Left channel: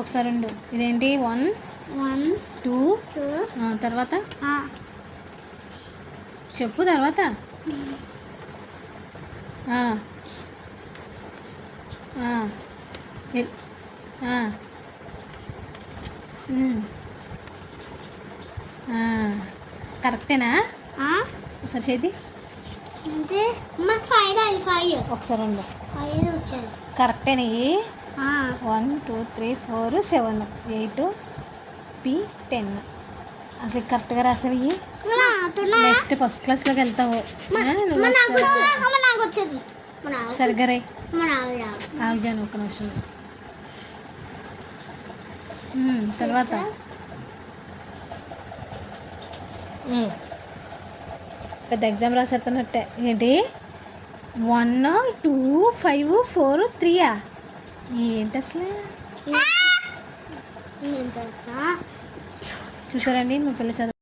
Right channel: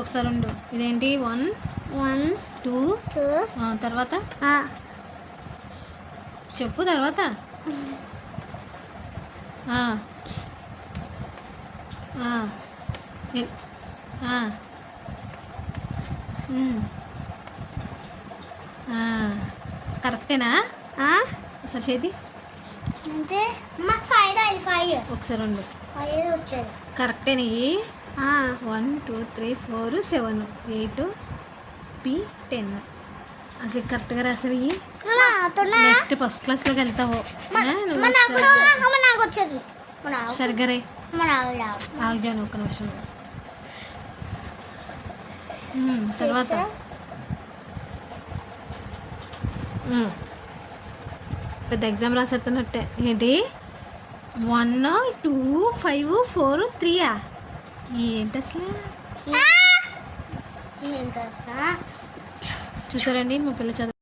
ఒకసారి ఉండు. ఇదేంటి 1 2 తర్వాత చెప్పు. తర్వాత కరెక్టేనా? ఒకసారి చేతి ఒకసారి ఉండు. కరెక్టేనా? 1 2 3 4 7 8 P10. అసలు కరెక్ట్గా రాసావి. నెక్స్ట్ ఫస్ట్ క్లాస్లోకి వెళ్తావు. సరిగ్గా రే. ఆగుజాను ఒక్క నిమిషం. తర్వాత పెద్ద ఎగ్జామ్ రాసేస్తున్నట్టే. ఏంటి 1 2 5 4 3 ఏంటి అసలు? చూసారండి మా పిల్ల చదువు.